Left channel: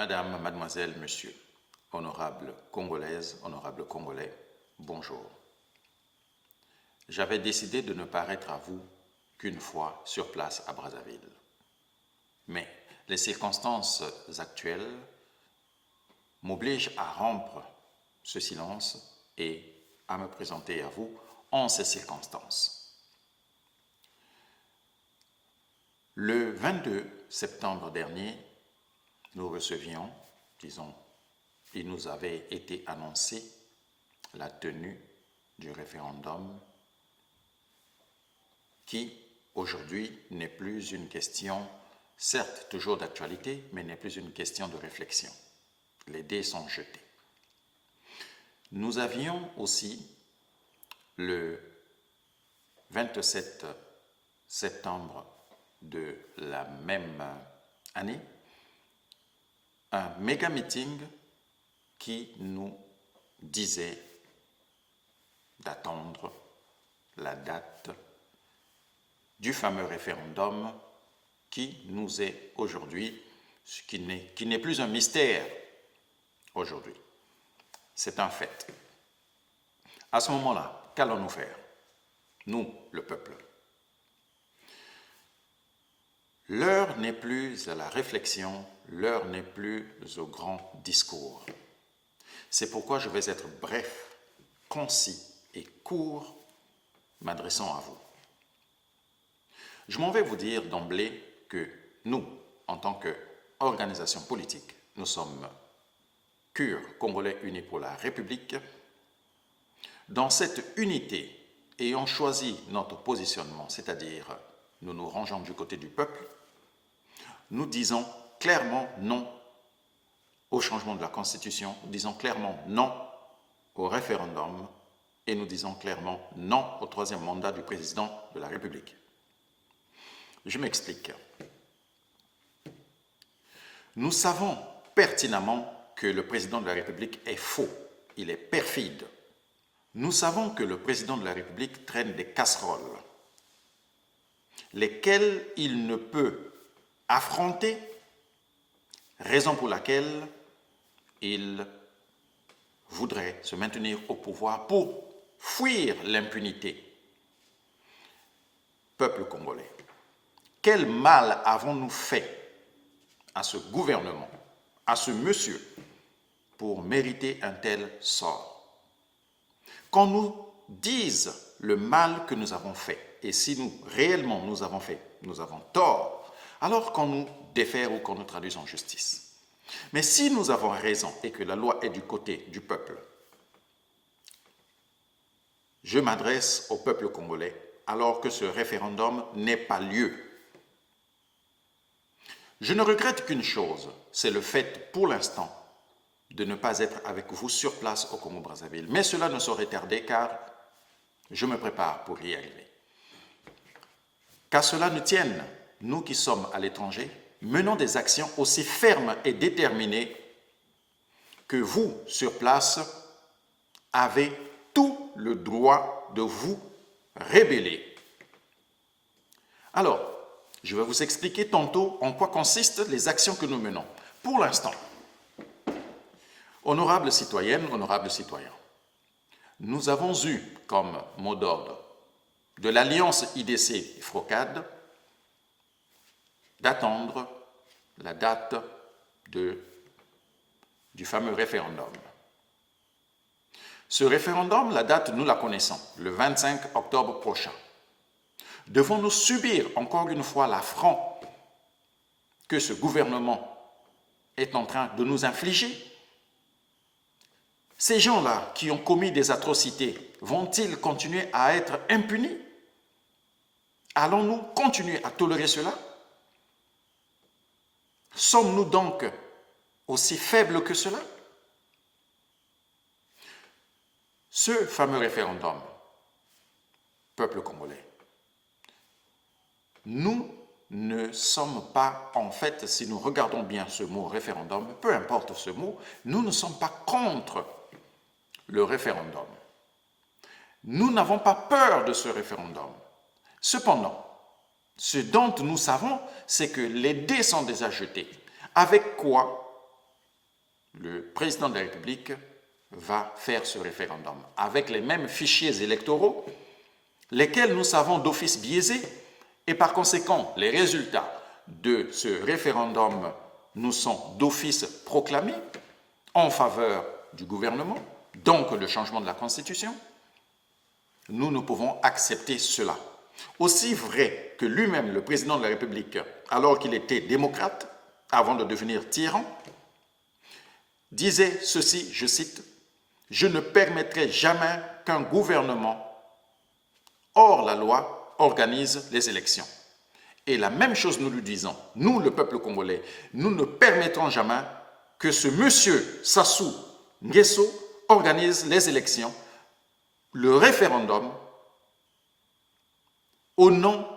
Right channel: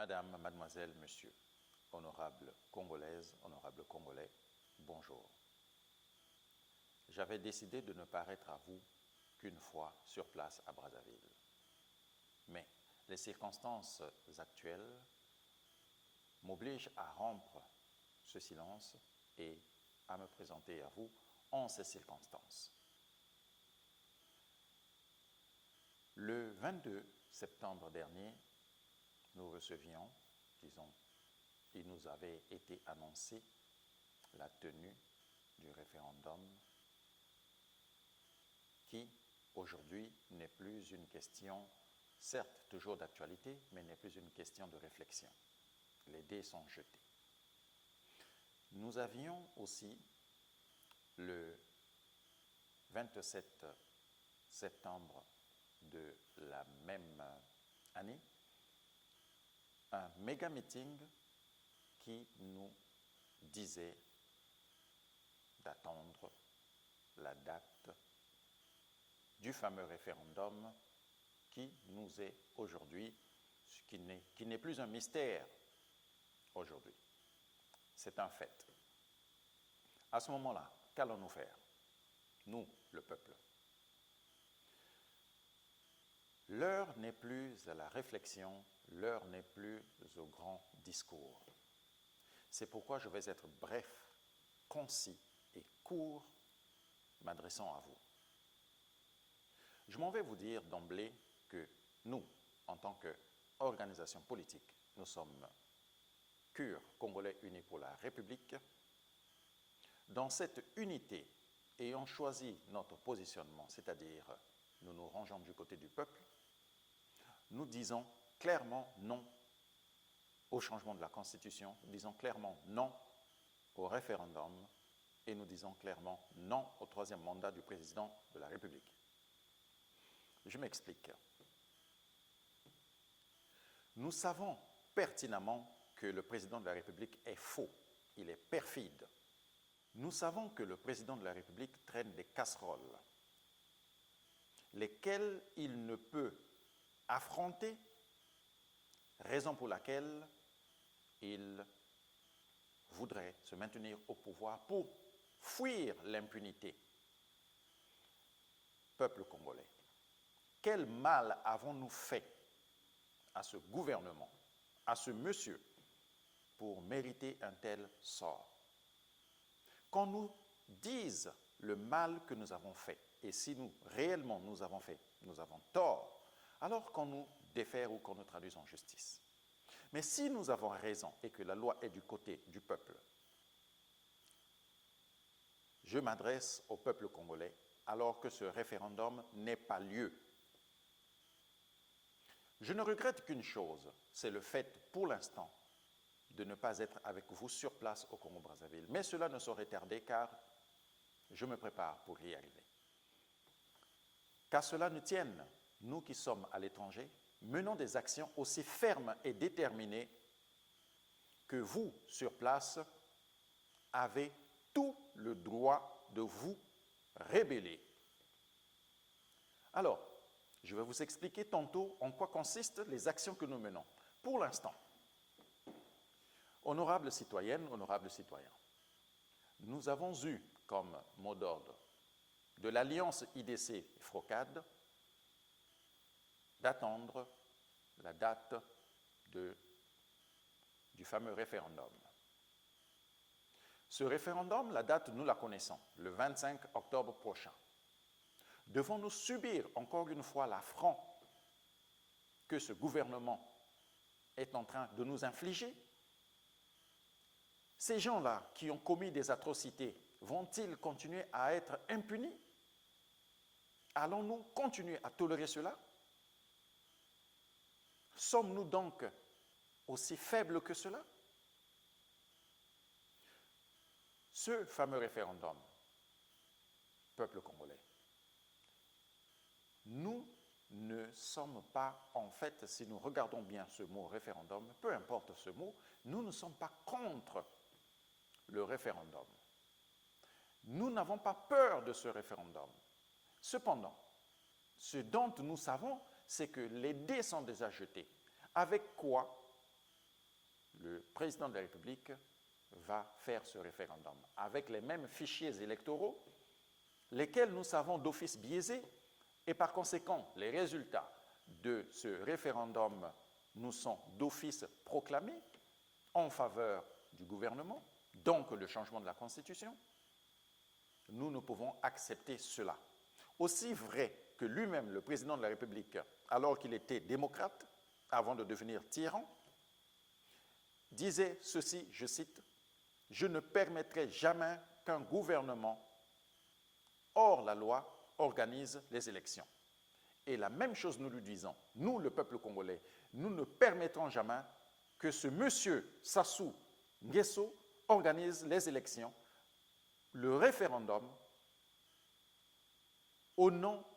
Madame, mademoiselle, monsieur, honorable Congolaise, honorable Congolais, bonjour. J'avais décidé de ne paraître à vous qu'une fois sur place à Brazzaville. Mais les circonstances actuelles m'obligent à rompre ce silence et à me présenter à vous en ces circonstances. Le 22 septembre dernier, nous recevions, il nous avait été annoncé la tenue du référendum qui, aujourd'hui, n'est plus une question, certes toujours d'actualité, mais n'est plus une question de réflexion. Les dés sont jetés. Nous avions aussi, le 27 septembre de la même année, un méga meeting qui nous disait d'attendre la date du fameux référendum qui nous est aujourd'hui, qui n'est plus un mystère aujourd'hui. C'est un fait. À ce moment-là, qu'allons-nous faire? Nous, le peuple. L'heure n'est plus à la réflexion, l'heure n'est plus au grand discours. C'est pourquoi je vais être bref, concis et court, m'adressant à vous. Je m'en vais vous dire d'emblée que nous, en tant qu'organisation politique, nous sommes CUR, Congolais Unis pour la République. Dans cette unité, ayant choisi notre positionnement, c'est-à-dire nous nous rangeons du côté du peuple, nous disons clairement non au changement de la Constitution, nous disons clairement non au référendum et nous disons clairement non au troisième mandat du président de la République. Je m'explique. Nous savons pertinemment que le président de la République est faux, il est perfide. Nous savons que le président de la République traîne des casseroles, lesquelles il ne peut affronter, raison pour laquelle il voudrait se maintenir au pouvoir pour fuir l'impunité. Peuple congolais, quel mal avons-nous fait à ce gouvernement, à ce monsieur, pour mériter un tel sort? Qu'on nous dise le mal que nous avons fait, et si nous, réellement, nous avons fait, nous avons tort, alors qu'on nous défère ou qu'on nous traduise en justice. Mais si nous avons raison et que la loi est du côté du peuple, je m'adresse au peuple congolais alors que ce référendum n'ait pas lieu. Je ne regrette qu'une chose, c'est le fait, pour l'instant, de ne pas être avec vous sur place au Congo-Brazzaville. Mais cela ne saurait tarder car je me prépare pour y arriver. Qu'à cela ne tienne, nous qui sommes à l'étranger, menons des actions aussi fermes et déterminées que vous, sur place, avez tout le droit de vous rébeller. Alors, je vais vous expliquer tantôt en quoi consistent les actions que nous menons. Pour l'instant, honorables citoyennes, honorables citoyens, nous avons eu comme mot d'ordre de l'Alliance IDC-FROCAD d'attendre la date du fameux référendum. Ce référendum, la date, nous la connaissons, le 25 octobre prochain. Devons-nous subir encore une fois l'affront que ce gouvernement est en train de nous infliger? Ces gens-là qui ont commis des atrocités, vont-ils continuer à être impunis? Allons-nous continuer à tolérer cela? Sommes-nous donc aussi faibles que cela? Ce fameux référendum, peuple congolais, nous ne sommes pas, en fait, si nous regardons bien ce mot référendum, peu importe ce mot, nous ne sommes pas contre le référendum. Nous n'avons pas peur de ce référendum. Cependant, ce dont nous savons, c'est que les dés sont déjà jetés. Avec quoi le président de la République va faire ce référendum avec les mêmes fichiers électoraux, lesquels nous savons d'office biaisés, et par conséquent, les résultats de ce référendum nous sont d'office proclamés en faveur du gouvernement, donc le changement de la Constitution. Nous ne pouvons accepter cela. Aussi vrai que lui-même, le président de la République, alors qu'il était démocrate, avant de devenir tyran, disait ceci, je cite, « Je ne permettrai jamais qu'un gouvernement hors la loi organise les élections. » Et la même chose nous lui disons, nous, le peuple congolais, nous ne permettrons jamais que ce monsieur Sassou Nguesso organise les élections, le référendum, au nom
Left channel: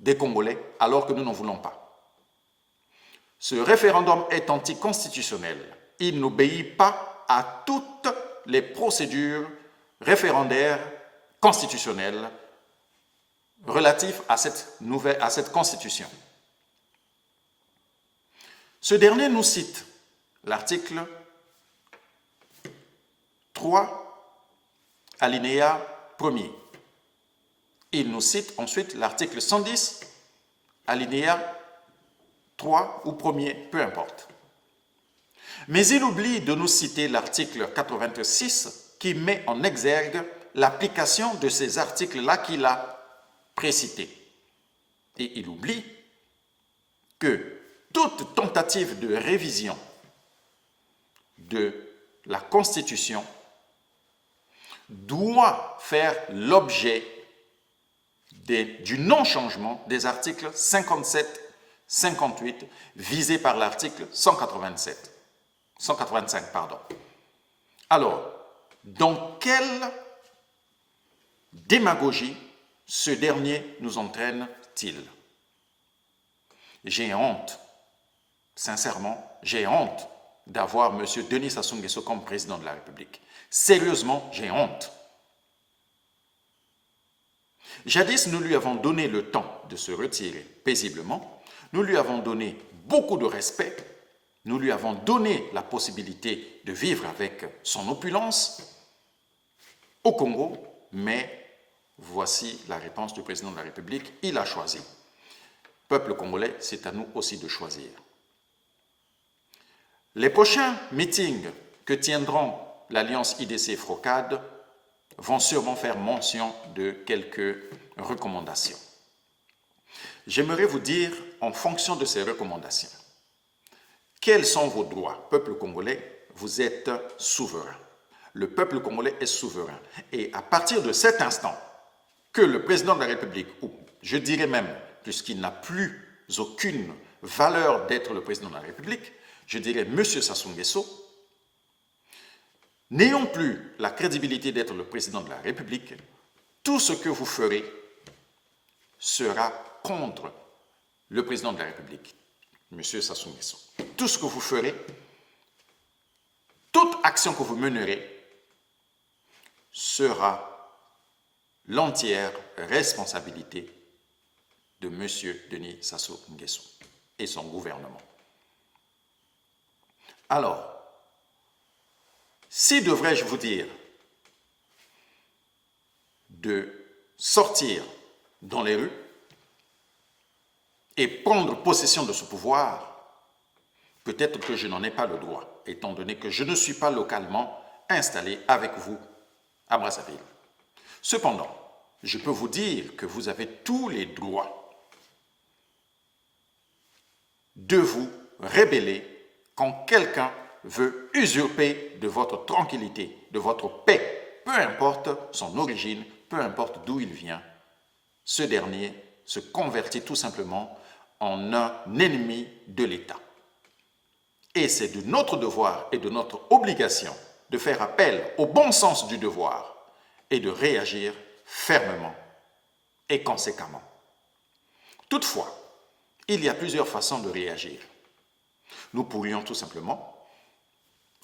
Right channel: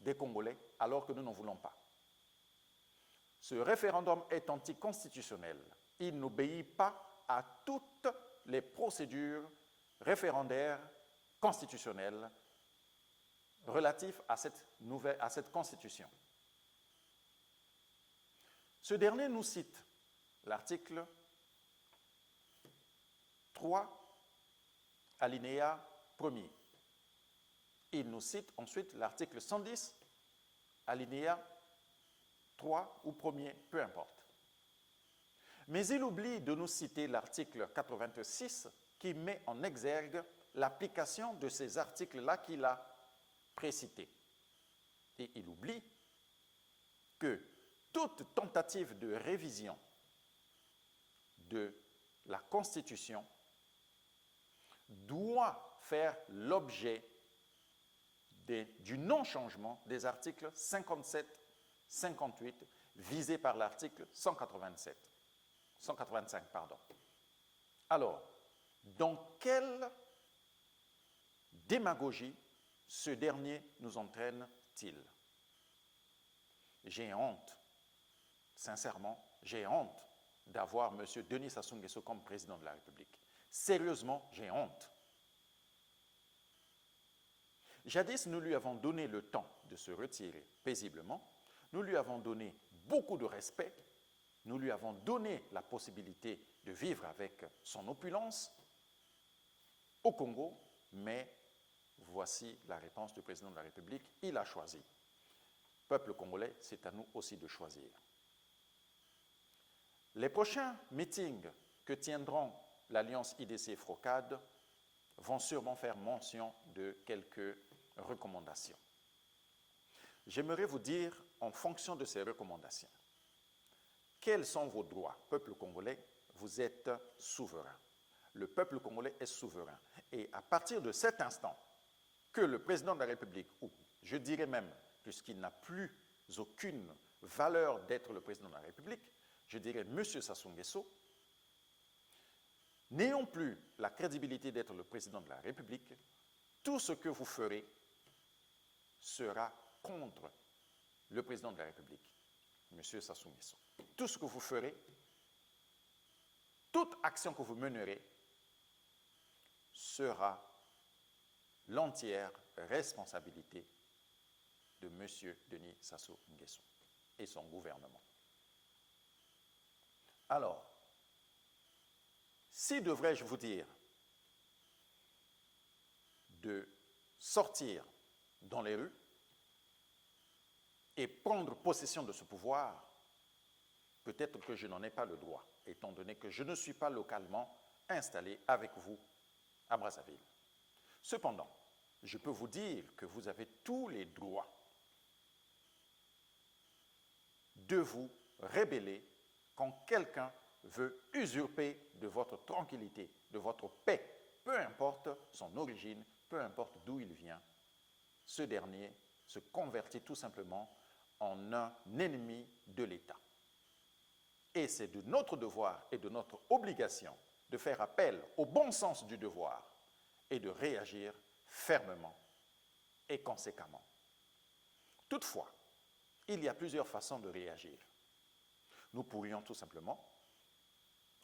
des Congolais, alors que nous n'en voulons pas. Ce référendum est anticonstitutionnel. Il n'obéit pas à toutes les procédures référendaires constitutionnelles relatives à cette constitution. Ce dernier nous cite l'article 3, alinéa 1er. Il nous cite ensuite l'article 110, alinéa 3 ou 1er, peu importe. Mais il oublie de nous citer l'article 86 qui met en exergue l'application de ces articles-là qu'il a précités. Et il oublie que toute tentative de révision de la Constitution doit faire l'objet du non-changement des articles 57, 58 visés par l'article 185. Alors, dans quelle démagogie ce dernier nous entraîne-t-il? J'ai honte, sincèrement, j'ai honte d'avoir M. Denis Sassou Nguesso comme président de la République. Sérieusement, j'ai honte. Jadis, nous lui avons donné le temps de se retirer paisiblement, nous lui avons donné beaucoup de respect, nous lui avons donné la possibilité de vivre avec son opulence au Congo, mais voici la réponse du président de la République, il a choisi. Peuple congolais, c'est à nous aussi de choisir. Les prochains meetings que tiendront l'Alliance IDC-FROCAD vont sûrement faire mention de quelques recommandations. J'aimerais vous dire, en fonction de ces recommandations, quels sont vos droits? Peuple congolais, vous êtes souverain. Le peuple congolais est souverain. Et à partir de cet instant, que le président de la République, ou je dirais même, puisqu'il n'a plus aucune valeur d'être le président de la République, je dirais, Monsieur Sassou Nguesso, n'ayant plus la crédibilité d'être le président de la République, tout ce que vous ferez sera contre le président de la République, M. Sassou Nguesso. Tout ce que vous ferez, toute action que vous mènerez, sera l'entière responsabilité de M. Denis Sassou Nguesso et son gouvernement. Alors, si devrais-je vous dire de sortir dans les rues et prendre possession de ce pouvoir, peut-être que je n'en ai pas le droit, étant donné que je ne suis pas localement installé avec vous à Brazzaville. Cependant, je peux vous dire que vous avez tous les droits de vous rebeller quand quelqu'un veut usurper de votre tranquillité, de votre paix, peu importe son origine, peu importe d'où il vient. Ce dernier se convertit tout simplement en un ennemi de l'État. Et c'est de notre devoir et de notre obligation de faire appel au bon sens du devoir et de réagir fermement et conséquemment. Toutefois, il y a plusieurs façons de réagir. Nous pourrions tout simplement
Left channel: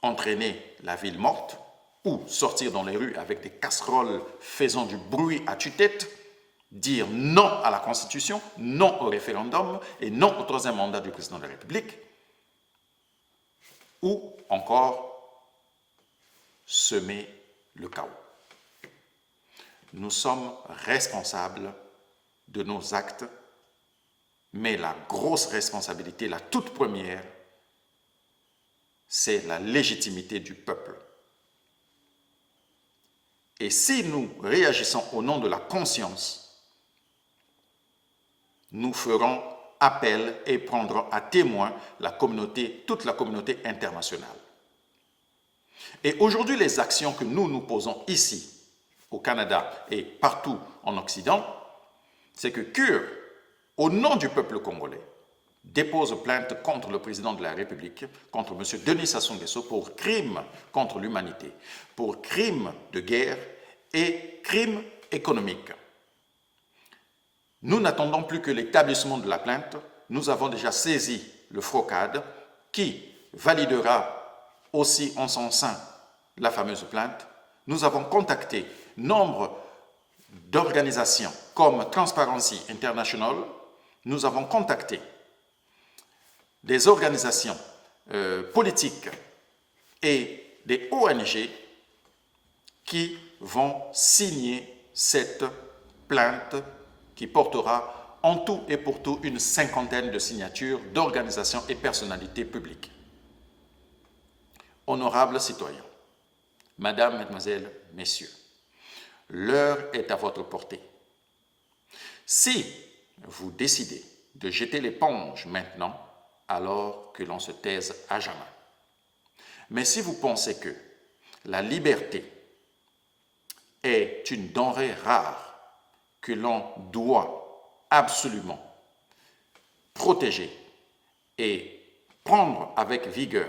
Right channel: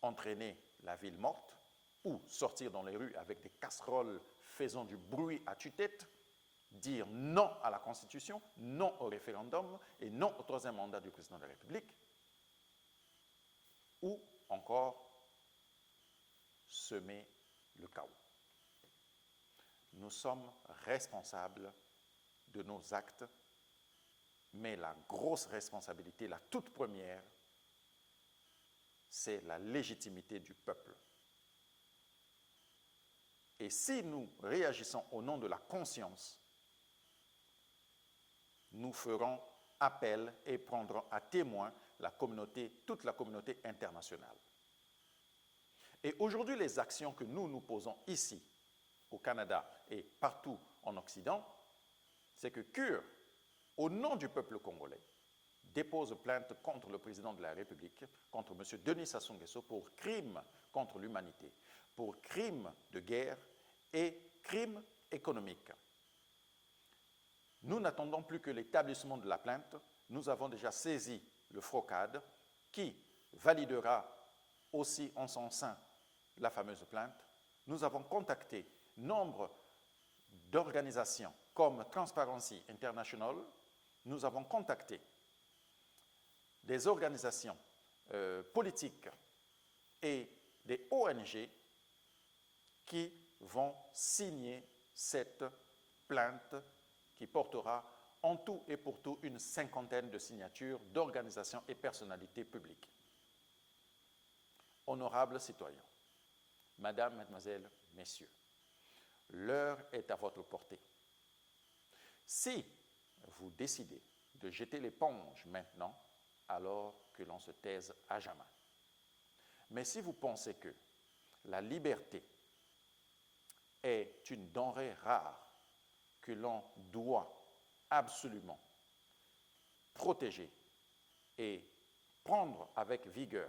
entraîner la ville morte ou sortir dans les rues avec des casseroles faisant du bruit à tue-tête, dire non à la Constitution, non au référendum et non au troisième mandat du président de la République. ou encore semer le chaos. Nous sommes responsables de nos actes, mais la grosse responsabilité, la toute première, c'est la légitimité du peuple. Et si nous réagissons au nom de la conscience, nous ferons appel et prendrons à témoin toute la communauté internationale. Et aujourd'hui, les actions que nous posons ici, au Canada et partout en Occident, c'est que CUR, au nom du peuple congolais, dépose plainte contre le président de la République, contre M. Denis Sassou Nguesso, pour crimes contre l'humanité, pour crimes de guerre et crimes économiques. Nous n'attendons plus que l'établissement de la plainte. Nous avons déjà saisi le FROCAD qui validera aussi en son sein la fameuse plainte. Nous avons contacté nombre d'organisations comme Transparency International. Nous avons contacté des organisations politiques et des ONG qui vont signer cette plainte qui portera en tout et pour tout une 50aine de signatures d'organisations et personnalités publiques. Honorables citoyens, Madame, Mademoiselles, Messieurs, l'heure est à votre portée. Si vous décidez de jeter l'éponge maintenant, alors que l'on se taise à jamais. Mais si vous pensez que la liberté est une denrée rare que l'on doit absolument protéger et prendre avec vigueur,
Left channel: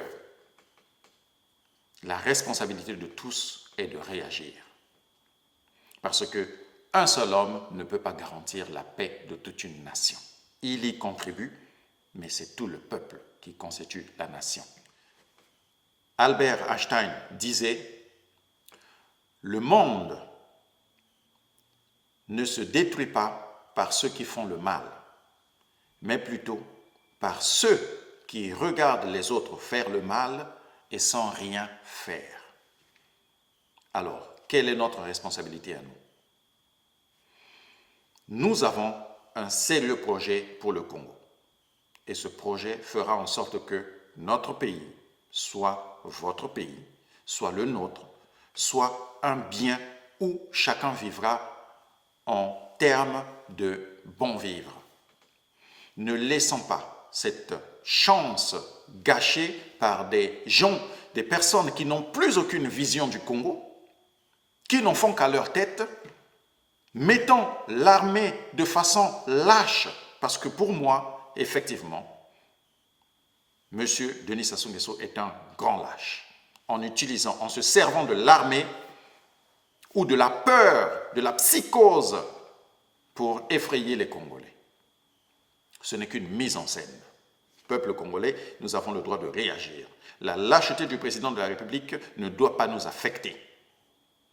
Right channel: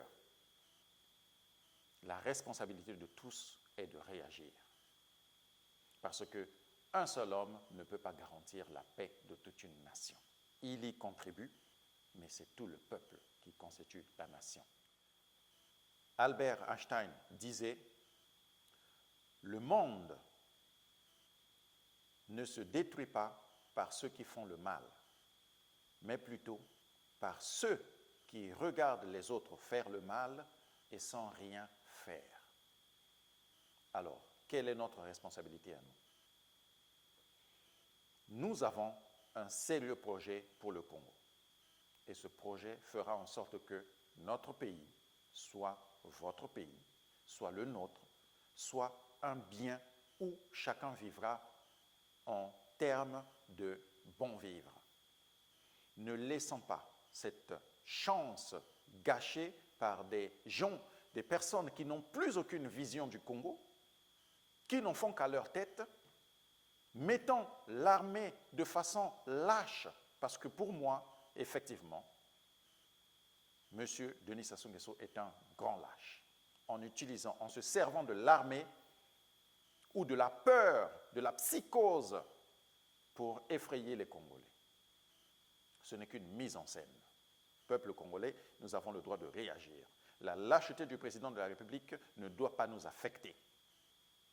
la responsabilité de tous est de réagir. Parce qu'un seul homme ne peut pas garantir la paix de toute une nation. Il y contribue, mais c'est tout le peuple qui constitue la nation. Albert Einstein disait « Le monde ne se détruit pas par ceux qui font le mal, mais plutôt par ceux qui regardent les autres faire le mal et sans rien faire. » Alors, quelle est notre responsabilité à nous? Nous avons un sérieux projet pour le Congo. Et ce projet fera en sorte que notre pays soit votre pays, soit le nôtre, soit un bien où chacun vivra en termes de bon vivre. Ne laissons pas cette chance gâchée par des gens, des personnes qui n'ont plus aucune vision du Congo, qui n'en font qu'à leur tête, mettant l'armée de façon lâche, parce que pour moi, effectivement, M. Denis Sassou Nguesso est un grand lâche, en se servant de l'armée ou de la peur, de la psychose pour effrayer les Congolais. Ce n'est qu'une mise en scène. Peuple congolais, nous avons le droit de réagir. La lâcheté du président de la République ne doit pas nous affecter.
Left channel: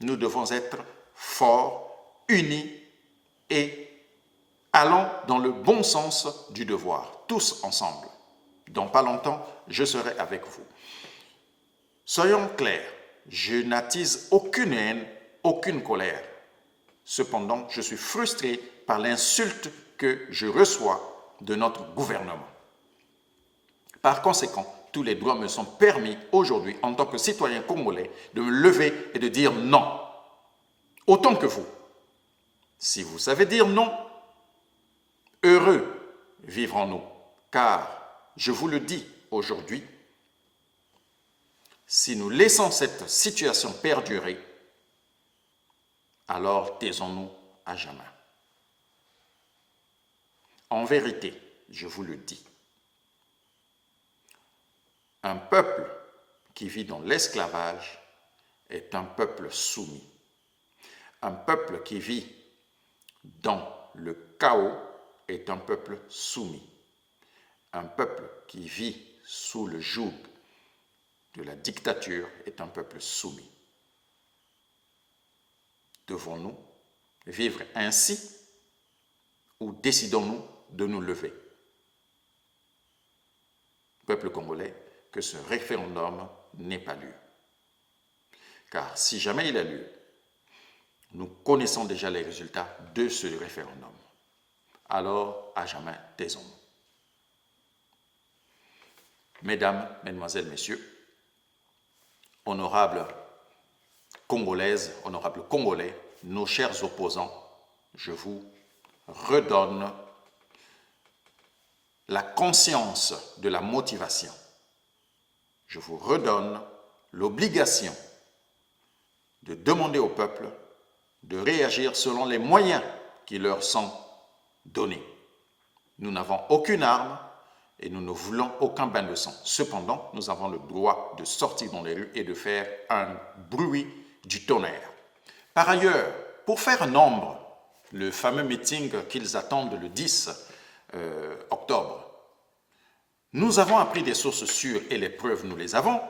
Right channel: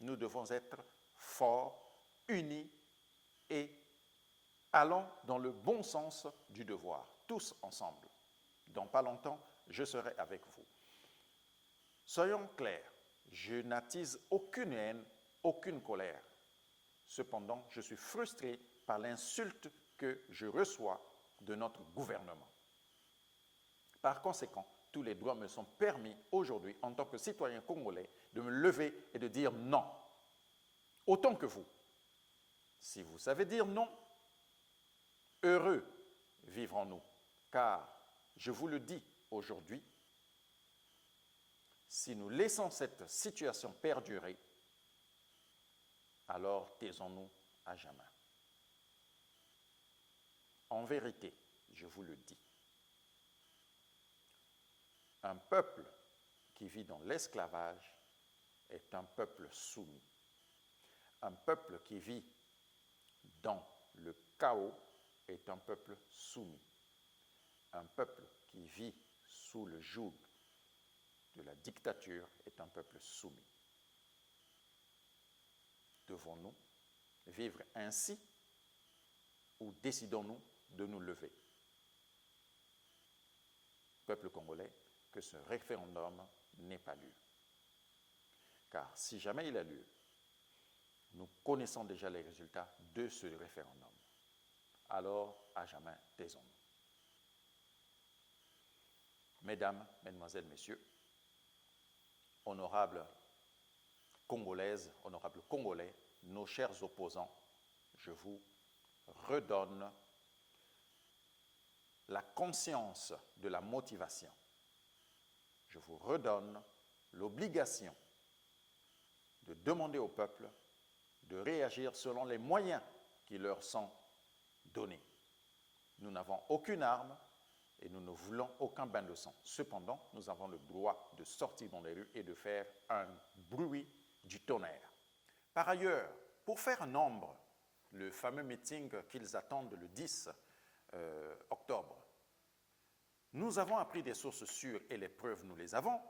Nous devons être forts, unis et allons dans le bon sens du devoir, tous ensemble. Dans pas longtemps, je serai avec vous. Soyons clairs, je n'attise aucune haine, aucune colère. Cependant, je suis frustré par l'insulte que je reçois de notre gouvernement. Par conséquent, tous les droits me sont permis aujourd'hui, en tant que citoyen congolais, de me lever et de dire non. Autant que vous. Si vous savez dire non, heureux vivrons-nous, car je vous le dis aujourd'hui, si nous laissons cette situation perdurer, alors taisons-nous à jamais. En vérité, je vous le dis, un peuple qui vit dans l'esclavage est un peuple soumis. Un peuple qui vit dans le chaos est un peuple soumis. Un peuple qui vit sous le joug de la dictature est un peuple soumis. Devons-nous vivre ainsi ou décidons-nous de nous lever? Peuple congolais, que ce référendum n'ait pas lieu. Car si jamais il a lieu, nous connaissons déjà les résultats de ce référendum. Alors, à jamais, taisons-nous. Mesdames, Mesdemoiselles, Messieurs, honorables Congolaises, honorables Congolais, nos chers opposants, je vous redonne la conscience de la motivation. Je vous redonne l'obligation de demander au peuple de réagir selon les moyens qui leur sont donnés. Nous n'avons aucune arme et nous ne voulons aucun bain de sang. Cependant, nous avons le droit de sortir dans les rues et de faire un bruit du tonnerre. Par ailleurs, pour faire nombre, le fameux meeting qu'ils attendent le 10 octobre, nous avons appris des sources sûres et les preuves, nous les avons,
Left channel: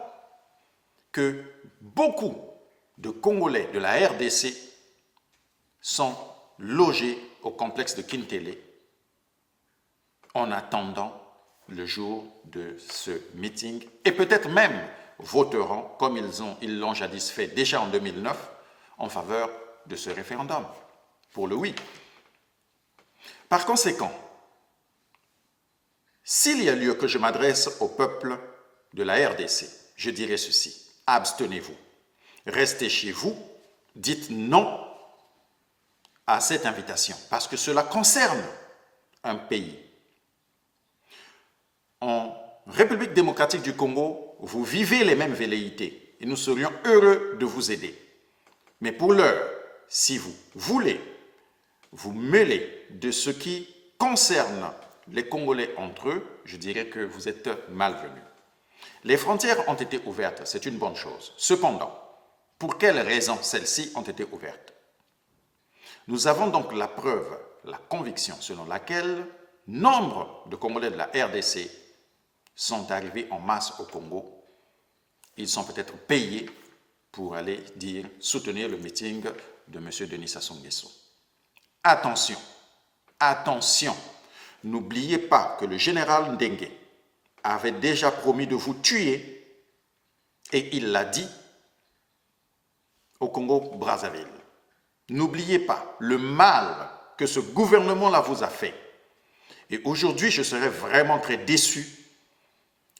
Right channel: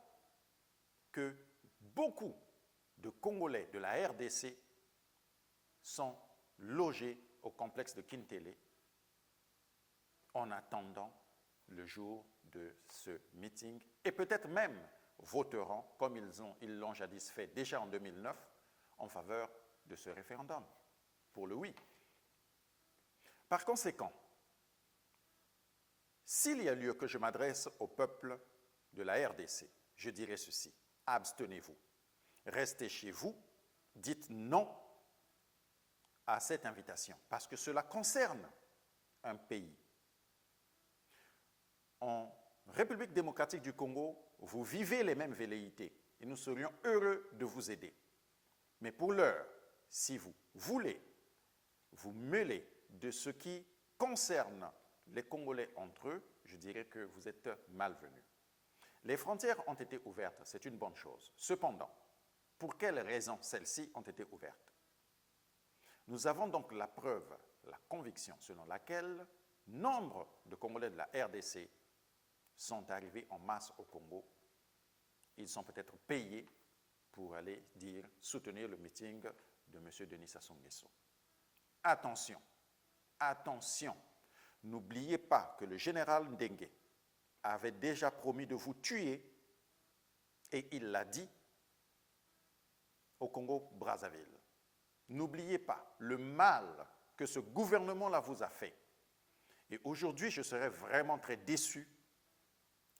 que beaucoup de Congolais de la RDC sont logés au complexe de Kintele en attendant le jour de ce meeting et peut-être même voteront, comme ils l'ont jadis fait déjà en 2009, en faveur de ce référendum, pour le oui. Par conséquent, s'il y a lieu que je m'adresse au peuple de la RDC, je dirais ceci: abstenez-vous, restez chez vous, dites non à cette invitation, parce que cela concerne un pays. En République démocratique du Congo, vous vivez les mêmes velléités et nous serions heureux de vous aider. Mais pour l'heure, si vous voulez vous mêler de ce qui concerne les Congolais entre eux, je dirais que vous êtes malvenus. Les frontières ont été ouvertes, c'est une bonne chose. Cependant, pour quelles raisons celles-ci ont été ouvertes? Nous avons donc la preuve, la conviction selon laquelle nombre de Congolais de la RDC sont arrivés en masse au Congo. Ils sont peut-être payés pour aller soutenir le meeting de M. Denis Sassou Nguesso. Attention, attention, n'oubliez pas que le général Ndengue avait déjà promis de vous tuer et il l'a dit au Congo-Brazzaville. N'oubliez pas le mal que ce gouvernement-là vous a fait. Et aujourd'hui, je serais vraiment très déçu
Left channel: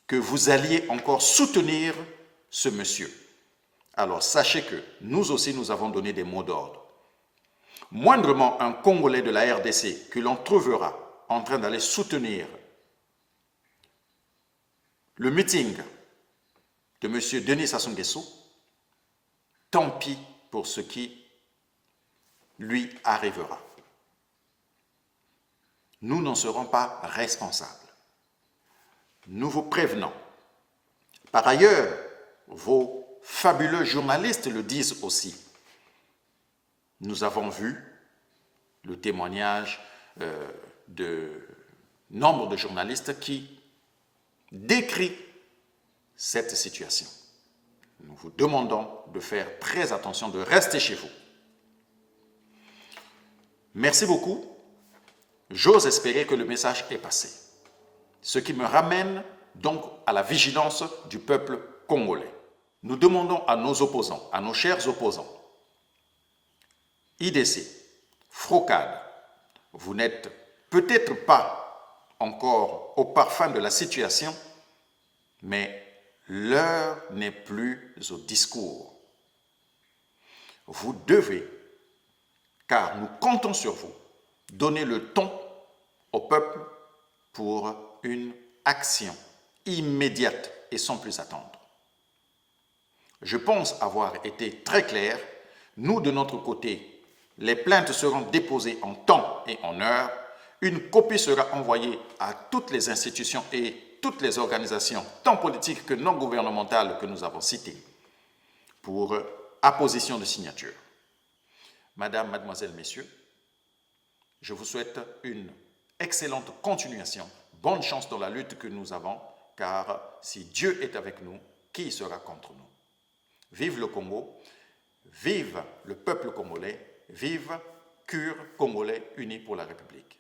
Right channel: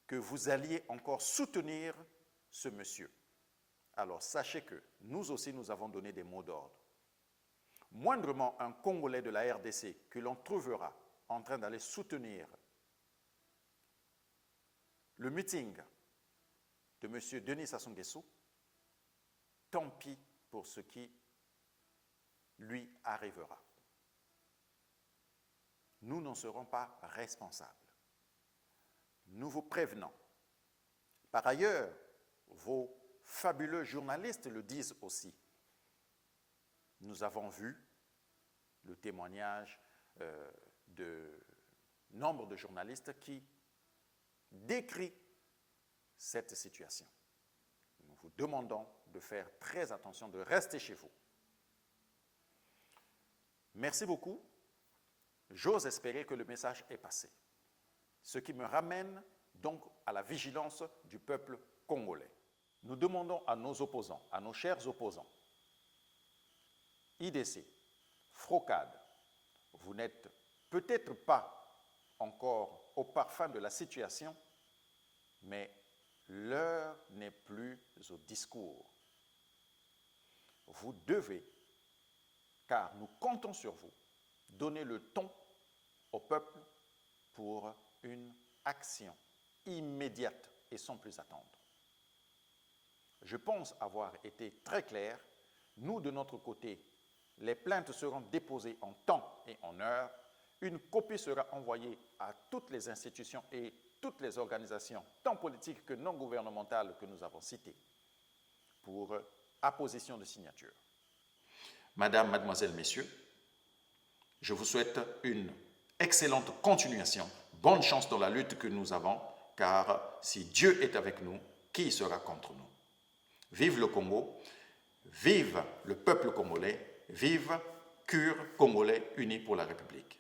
que vous alliez encore soutenir ce monsieur. Alors sachez que nous aussi, nous avons donné des mots d'ordre. Moindrement un Congolais de la RDC que l'on trouvera en train d'aller soutenir le meeting de M. Denis Sassou Nguesso, tant pis pour ce qui lui arrivera. Nous n'en serons pas responsables. Nous vous prévenons. Par ailleurs, vos fabuleux journalistes le disent aussi. Nous avons vu le témoignage de nombre de journalistes qui décrit cette situation. Nous vous demandons de faire très attention, de rester chez vous. Merci beaucoup. J'ose espérer que le message est passé. Ce qui me ramène donc à la vigilance du peuple congolais. Nous demandons à nos opposants, à nos chers opposants, IDC, Frocade, vous n'êtes peut-être pas encore au parfum de la situation, mais l'heure n'est plus au discours. Vous devez, car nous comptons sur vous, donner le ton au peuple pour une action immédiate et sans plus attendre. Je pense avoir été très clair. Nous, de notre côté, les plaintes seront déposées en temps et en heure. Une copie sera envoyée à toutes les institutions et toutes les organisations, tant politiques que non gouvernementales, que nous avons citées, pour apposition de signature. Madame, mademoiselle, messieurs, je vous souhaite une excellente continuation. Bonne chance dans la lutte que nous avons, car si Dieu est avec nous, qui sera contre nous? Vive le Congo, vive le peuple congolais, vive CUR Congolais unis pour la République.